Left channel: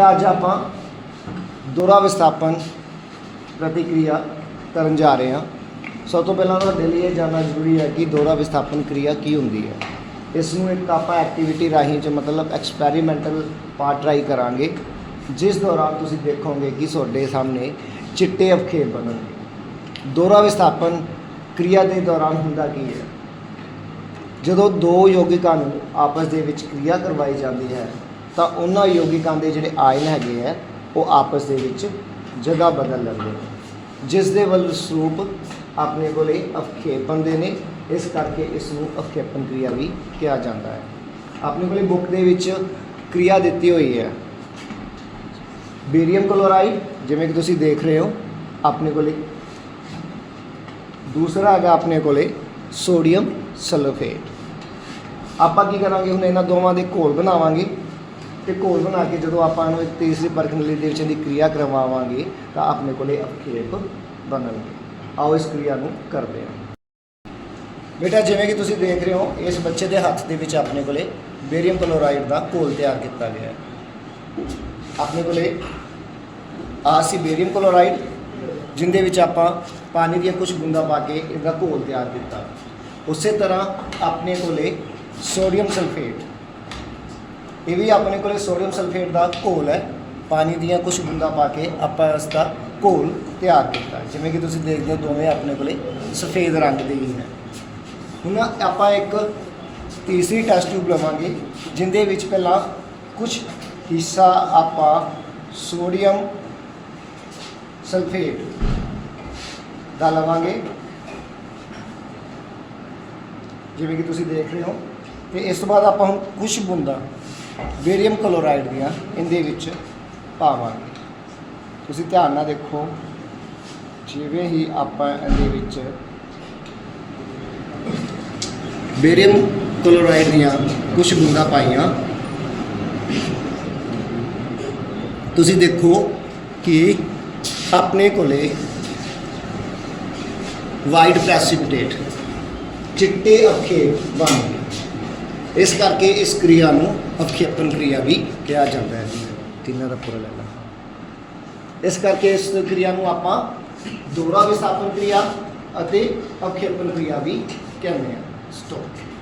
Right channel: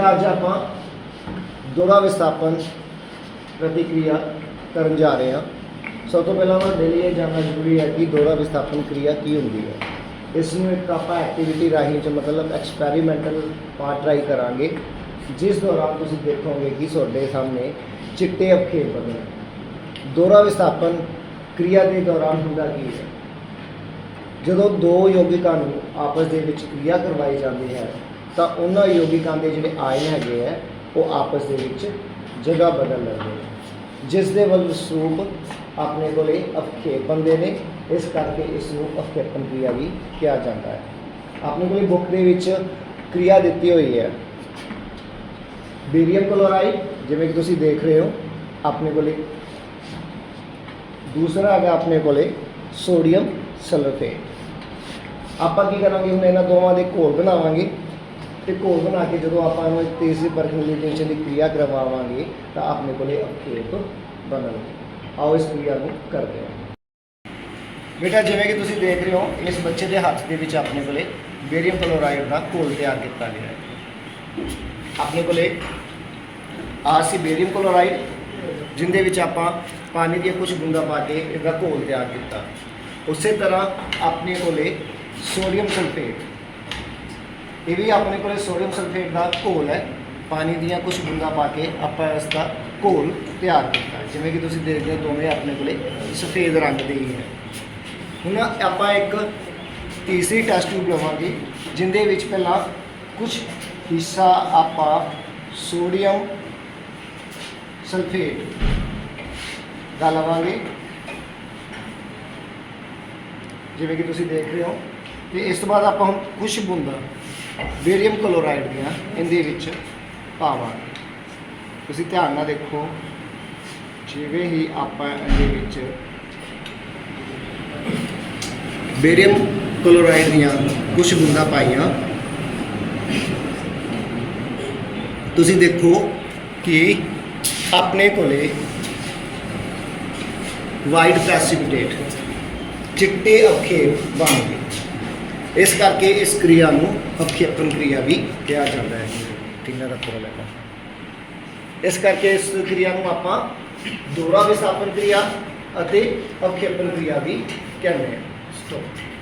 ਅੱਜ ਆਪਾਂ ਦੋਹਰਾ ਵਿਸਥਾਪਨ ਪ੍ਰਤੀਕਿਰਿਆ ਕਰਨ ਜਾ ਰਹੇ ਹਾਂ। ਸਭ ਤੋਂ ਪਹਿਲਾਂ ਤੁਹਾਡੇ ਲਈ ਇਹ ਜਾਣਨਾ ਜ਼ਰੂਰੀ ਹੈ ਕਿ ਦੋਹਰਾ ਵਿਸਥਾਪਨ ਕਿਰਿਆ ਕੀ ਹੁੰਦੀ ਹੈ। ਇਸ ਨੂੰ ਇੱਕ ਆਪਾਂ ਐਕਟੀਵਿਟੀ ਰਾਹੀਂ ਚ ਮਤਲਬ ਐਕਸਪੈਰੀਮੈਂਟਲ ਪਾਰਟ ਟਰਾਈ ਕਰਾਂਗੇ, ਜਿਸ ਦੌਰਾਨ ਤੁਸੀਂ ਦੇਖੋਗੇ ਕਿ ਤੁਹਾਡੇ ਸਾਹਮਣੇ ਚਿੱਟੇ ਅਵਖੇਪ ਬਣਨ ਦੋਹਰਾ ਵਿਸਥਾਪਨ ਕਿਰਿਆ ਦੇ ਦੌਰਾਨ ਹੁੰਦਾ ਕੀ ਹੈ? ਜਦੋਂ ਦੋ ਯੋਗਿਕਾਂ ਨੂੰ ਆਪਸ ਦੇ ਵਿੱਚ ਕਿਰਿਆ ਕਰਵਾਈ ਜਾਂਦੀ ਹੈ ਤਾਂ ਉਹਨਾਂ ਯੋਗਿਕਾਂ ਦੇ ਜਿਹੜੇ ਆਇਨ ਹੈਗੇ ਹੈ ਉਹ ਆਪਸ ਦੇ ਵਿੱਚ ਜਗ੍ਹਾ ਬਦਲ ਲੈਂਦੇ ਨੇ ਜਿਸ ਦੇ ਵੱਲ ਸਰੂਪ ਆਪਣੇ ਕੋਲੇ ਅਵਖੇਪ ਦੇ ਨੇ, ਇਸ ਕਰਕੇ ਇਸ ਨੂੰ ਅਵਖੇਪਨ ਕਿਰਿਆ ਵੀ ਕਿਹਾ ਜਾਂਦਾ ਹੈ। ਆਪਣੇ ਕੋਲੇ ਬੁੱਕ ਦੇ ਵਿੱਚ ਕਿਰਿਆ ਦਿੱਤੀ ਹੋਈ ਹੈ। ਬੇਰੀਅਮ ਕਲੋਰਾਈਡ, ਜਿਵੇਂ ਕਿ ਤੁਸੀਂ ਦੇਖ ਰਹੇ ਹੋ, ਆਪਣੇ ਕੋਲੇ। ਦੂਸਰਾ ਹੈਗਾ ਆਪਣੇ ਕੋਲੇ ਸੋਡੀਅਮ ਸਲਫੇਟ। ਆਪਾਂ ਕੀ ਕਰਾਂਗੇ ਹੁਣ ਇਹਨਾਂ ਦੋਵਾਂ ਦੇ ਘੋਲ ਬਣਾਵਾਂਗੇ। ਤੇ ਘੋਲ ਬਣਾ ਕੇ ਜਦੋਂ ਆਪਾਂ ਇਹਨੂੰ ਤੀਸਰੀ ਪਰਕਨਿਲੇਸ਼ਨ ਦੀ ਕਿਰਿਆ ਕਰਵਾਵਾਂਗੇ, ਤਾਂ ਆਪਣੇ ਕੋਲੇ ਅਖੇਪ ਬਣਨਗੇ ਆਓ ਇਸ ਕਿਰਿਆ ਨੂੰ ਕਰਦੇ ਹਾਂ। ਬੇਟਾ, ਜਿਵੇਂ ਕਿ ਤੁਸੀਂ ਦੇਖ ਰਹੇ ਹੋ, ਇਸ ਬੱਚੇ ਦੇ ਹੱਥ ਦੇ ਵਿੱਚ ਆਪਣੇ ਕੋਲੇ ਬੇਰੀਅਮ ਕਲੋਰਾਈਡ ਦਾ ਘੋਲ ਤਿਆਰ ਕੀਤਾ ਗਿਆ ਹੈ। ਆਪਣੇ ਕੋਲੇ ਆਹ ਸੀ ਬੇਰੀਅਮ ਕਲੋਰਾਈਡ, ਜਿੰਦੇ ਵਿੱਚ ਆਪਾਂ ਪਾਣੀ ਦੀਆਂ ਕੁਝ ਬੂੰਦਾਂ ਪਾ ਕੇ ਇਹਦਾ ਘੋਲ ਤਿਆਰ ਕੀਤਾ। ਉਸੇ ਤਰ੍ਹਾਂ ਆਪਣੇ ਕੋਲੇ ਸੋਡੀਅਮ ਸਲਫੇਟ ਇਹ ਵੀ ਆਪਣੇ ਕੋਲੇ ਸੋਡੀਅਮ ਸਲਫੇਟ ਦਾ ਘੋਲ ਹੈ। ਪਾਣੀ ਦੀਆਂ ਕੁਝ ਬੂੰਦਾਂ ਪਾ ਕੇ ਆਪਾਂ ਇਸ ਦਾ ਘੋਲ ਤਿਆਰ ਕੀਤਾ। ਜਿਵੇਂ ਕਿ ਤੁਸੀਂ ਦੇਖਦੇ ਹੋ ਦੋਵੇਂ ਆਪਣੇ ਕੋਲੇ ਸਫੇਦ ਰੰਗ ਦੇ ਹੀ ਹੈ ਹੁਣ ਆਪਾਂ ਇੱਕ ਤੀਸਰੀ ਟੈਸਟ ਟਿਊਬ ਲਵਾਂਗੇ, ਜਿੰਦੇ ਵਿੱਚ ਪਹਿਲਾਂ ਕੁਝ ਹਿੱਸਾ ਆਪਾਂ ਸੋਡੀਅਮ ਸਲਫੇਟ ਦਾ ਲਵਾਂਗੇ। ਜਿਵੇਂ ਕਿ ਤੁਸੀਂ ਦੇਖ ਰਹੇ ਹੋ। ਤੇ ਇਸ ਤੋਂ ਬਾਅਦ ਆਪਾਂ ਹੁਣ ਕੁਝ ਬੂੰਦਾਂ ਬੇਰੀਅਮ ਕਲੋਰਾਈਡ ਦੀਆਂ ਇਹਦੇ ਵਿੱਚ ਪਾਵਾਂਗੇ ਤੁਸੀਂ ਧਿਆਨ ਨਾਲ ਦੇਖੋ, ਜਿਵੇਂ ਹੀ ਆਪਾਂ ਇਹਦੇ ਵਿੱਚ ਬੇਰੀਅਮ ਕਲੋਰਾਈਡ ਦੀਆਂ ਕੁਝ ਬੂੰਦਾਂ ਪਾਈਆਂ, ਤੁਸੀਂ ਦੇਖੋ ਕਿ ਆਪਣੇ ਕੋਲੇ ਵਾਈਟ ਪ੍ਰੈਸਿਪਿਟੇਟ ਚਿੱਟੇ ਅਖੇਪ ਬਣ ਗਏ। ਇਸ ਕਰਕੇ ਇਸ ਕਿਰਿਆ ਨੂੰ ਅਖੇਪਨ ਕਿਰਿਆ ਵੀ ਕਿਹਾ ਜਾਂਦਾ ਹੈ। ਤਿੰਨਾਂ ਦਾ ਪੂਰਾ ਲੈਣਾ? ਇਸ ਕਰਕੇ ਇਸ ਕਿਰਿਆ ਨੂੰ ਆਪਾਂ ਦੋਹਰਾ ਵਿਸਥਾਪਨ ਕਿਰਿਆ ਅਤੇ ਅਖੇਪਨ ਕਿਰਿਆ ਵੀ ਕਹਿੰਦੇ ਹਾਂ। ਸਟਾਪ